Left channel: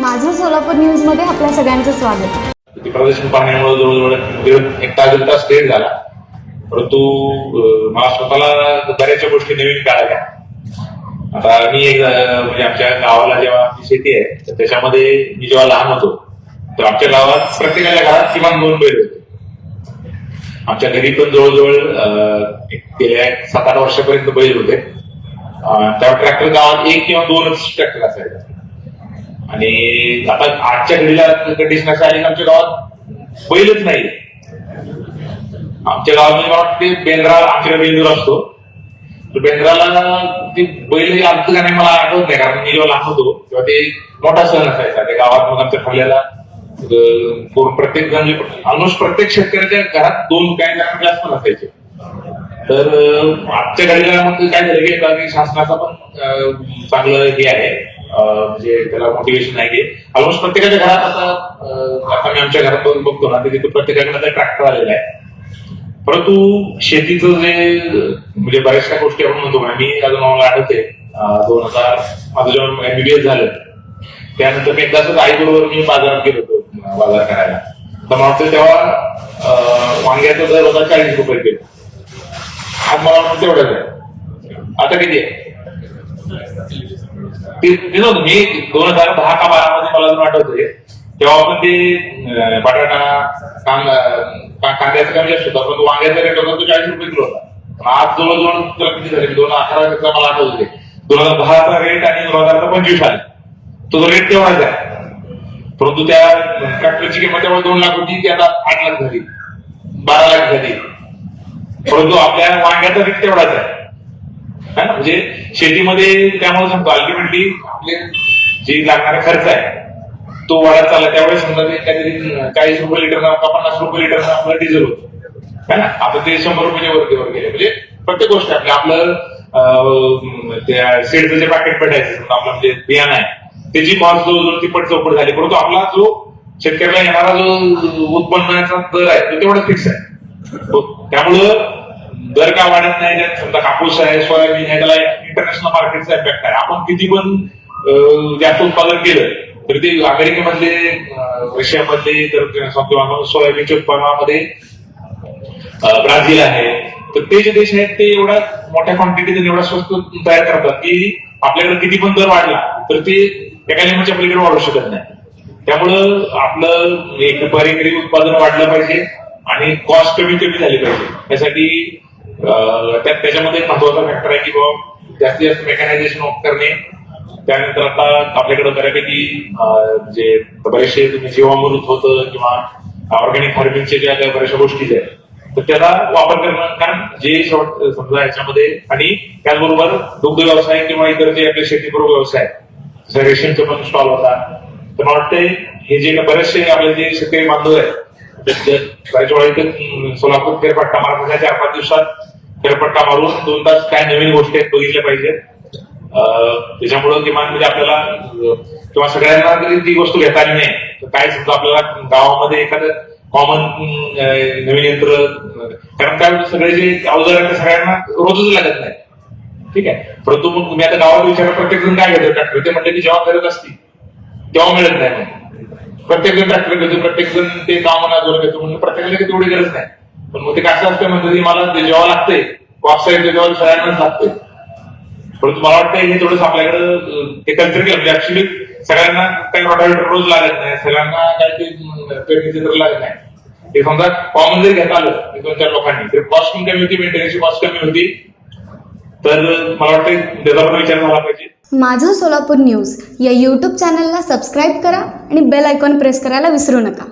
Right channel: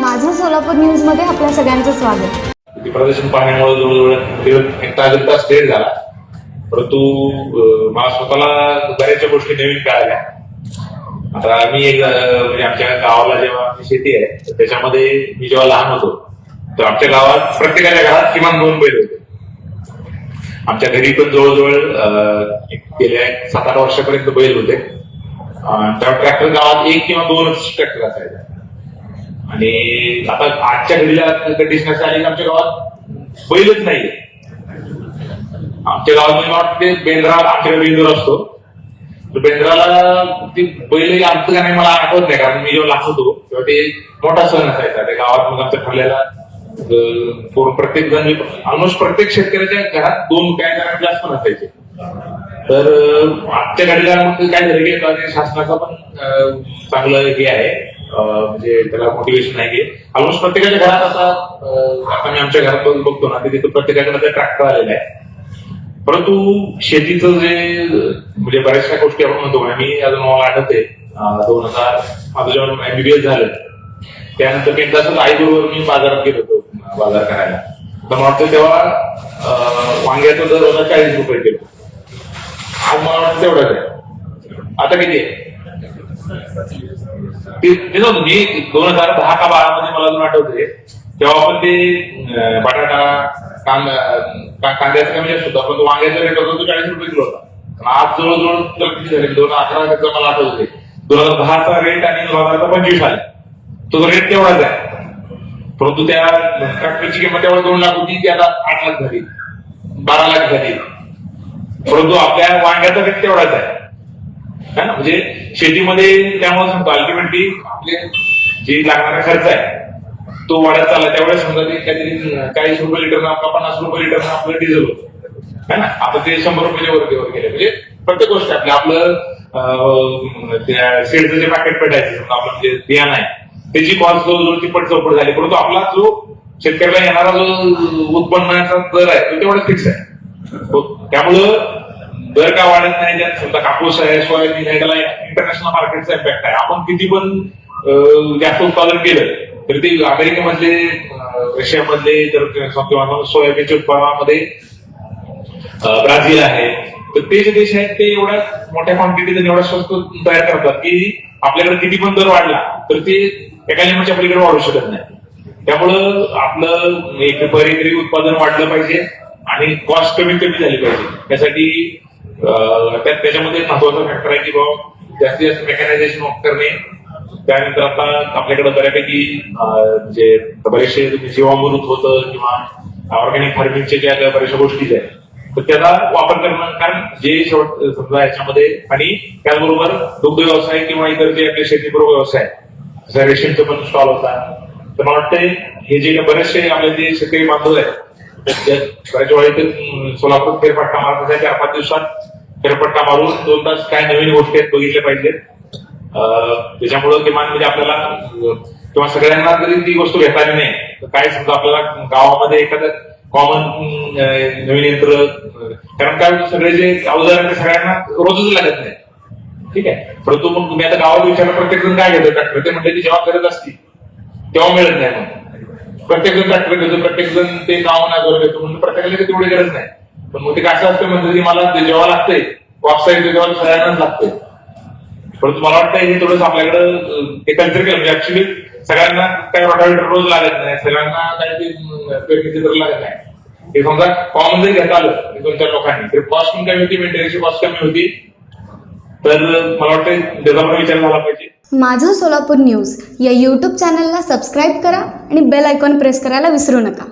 माझं सोलापूर न्यूज मध्ये आपल्या सगळ्यांचं स्वागत. ते प्रदर्शन पाहण्यामुळे जवळजवळ एक तास लेट झाला, परंतु मला स्वतःला बऱ्याचशा गोष्टी नवीन कळाल्या. आता मी एक म्हणजे आमच्या गावाला जेव्हा शेती आहे तर त्याच्यामध्ये मी जेव्हा लहान होतो तर आमच्या गावात प्रत्येकाच्या घरात किमान 2 बैल होते. आमच्या घरी पण जवळजवळ गेल्या 7-8 वर्षापर्यंत बैल होते. तेव्हा ट्रॅक्टर गावात 1 किंवा 2च ट्रॅक्टर असायचे. आणि आता आजच्या घडीला कंडिशन असं आली आमच्या गावात बैलच नाही. आमच्या गावात मला वाटते बेंद्रावर आमच्याकडे बेंदूर असतो, तर बेंद्राला ती बैल आमचं का नाही मला आठवत नाही, कारण मी जेव्हा लहान होतो तेव्हा ते मोठा सण असायचा त्या गावात. मग आमच्या ठरलेला प्रत्येक जण ऑलमोस्ट प्रत्येक शेतकऱ्याच्या घरात 2 काय जणांना जास्त पण असायचे. तर आजच्या घडीला मग काय झालं की शासनाचा पण चांगलं हे आहे, म्हणजे त्याला मोटिवेशन आहे. ऑलमोस्ट प्रत्येकाच्या घरात आता मी आमच्या घरात बघतो ना तिथे प्रत्येकाच्या ट्रॅक्टर आलेला आहे. परंतु शेतीचं जे म्हणजे बऱ्याचशा गोष्टी आपण म्हणतो, मी अजून मला आठवते 2000 माझं जेव्हा MBBS झालं त्यानंतर मी एकदा आईबरोबर मी बाजारात गेलो होतो बाजार करायला. तर मला वाटतं तेव्हा वांग्याचा दर होता 40 रुपये किलो. आज मला वाटतं तेवढंच आहे. आता किती आहे मी 2010 का 12 मध्ये मला अजून आठवते तेव्हा आपण ते बटाटा कांद्याचा कमी जास्त होता, पण वांग्याचा रेट होता तो 40 रुपये किलो होता. आज जवळजवळ किती झाले 2018 मला आठवते 2010चा रेट आणि 2025 आले तो रेट तेवढाच आहे. परंतु त्या ट्रॅक्टरची किंमत तेव्हा 2 लाख होती, ती आता 8 लाख झाली, 12 लाख झाली. परंतु आपल्या वांग्याचा रेट तेवढाच आहे. म्हणजे शेतीमध्ये त्यामुळे सांगतो अल्टिमेटली आपले जे लागणारा खर्च आहे तो वाढत चालला. त्यावेळेस म्हणजे काहीतरी 40 रुपये लिटर 50 रुपये लिटर आपलं डिझेल होतं है ना. आता ते 100 रुपयाच्या वरती गेले. म्हणजे प्रत्येक गोष्ट आपलं त्या सेडचं जे पॅकेट पेटायचं आपलं म्हणजे बियाणं आहे त्याची कॉस्ट जवळजवळ तिप्पट चौपट झाली. परंतु आपला जो शेतकऱ्याला येणारा जो उत्पन्नाचा दर आहे तो तेवढा फिक्स आहे. त्यामुळं दर का वाढत नाही. समजा कापूस आहे, सोयाबीन आहे, त्याला इंटरनॅशनल मार्केटचा इम्पॅक्ट आहे. आपण किती पण जास्त उत्पादन केलं तर ते अमेरिकेमधले रशियामधले तर सोयाबीनच्या उत्पादनामध्ये ब्राझील आहे, तर ते जे देश आहेत ते एवढ्या मोठ्या क्वांटिटीत एवढा स्वस्त तयार करतात की आपल्याकडे किती पण दर वाढला तर ते एका लिमिटच्या पलीकडे वाढू शकत नाही. त्यामुळं आपलं एकरी उत्पादन वाढलं पाहिजे आणि कॉस्ट कमी झाली पाहिजे. त्यासाठी त्याच्यामध्ये महत्वाचा फॅक्टर आहे की बाबा जास्तीत जास्त मेकॅनायझेशन करणे. त्यानंतर आता आपल्याकडे बऱ्यापैकी जे बरेचसे जीवामृत होतं किंवा ऑर्गॅनिक फार्मिंगचे ज्या बऱ्याचशा गोष्टी आहेत तर त्याला वापर करणं, कारण जे समजा याच्यामध्ये आणि त्याचबरोबर दुग्ध व्यवसाय किंवा इतर जे आपले शेतीपूर्व व्यवसाय जसं रेशीमचा पण स्टॉल होता. तर मला वाटतंय हे जे बरेचसे आपले जे शेतकरी बांधव आहेत बऱ्याच वेळा इथे सोलापूर फेरपट्टा मारत 4-5 दिवसात फेरपट्टा मारून 2 तास काय नवीन गोष्टी आहेत बघितल्या पाहिजेत. त्याच्यामुळं किमान म्हणजे आपल्याला किंवा सगळ्यांना जरी ती गोष्ट घेता आली नाही तर काय समजा आपल्याला गावामध्ये एखादं कॉमन नवीन यंत्र, कारण काय सगळे जे अवजार सगळ्यांना रोजच लागत नाही. ठीक आहे. परंतु मग तुम्ही आता गावात विचारलं प्रत्येक जण काय घेतो ट्रॅक्टर, ते म्हटलं की जेव्हा गरज असती तेव्हा मिळत नाही. प्रत्येक जण ट्रॅक्टर घेतो, प्रत्येक जण ते गाव नाही घेतो, म्हणून प्रत्येकाला तेवढी गरज नाही. पण मग ते कसं असतं म्हणजे की मला जेव्हा लागतंय वापसाईड तेव्हा सगळ्यांनाच लागते. परंतु मला वाटतं हे थोडंसं आपल्याकडं ते कल्चर केलं म्हणजे ऍक्च्युली सगळ्यांना काही रोटावेटर रोज लागत नाही, सगळ्यांना काही ते पेरणीचे तर लागत नाही. हे समजा कॉमन जर घेता आलं 2-4 लोकांनी तर कॉस्ट पण कमी होती, मेंटेनन्सची कॉस्ट कमी होती. तर मला वाटतं त्याच्यावर विचार झाला पाहिजे. माझं सोलापूर न्यूज या YouTube चॅनलला सबस्क्राईब करा आणि बेल आयकॉन प्रेस करायला विसरू नका.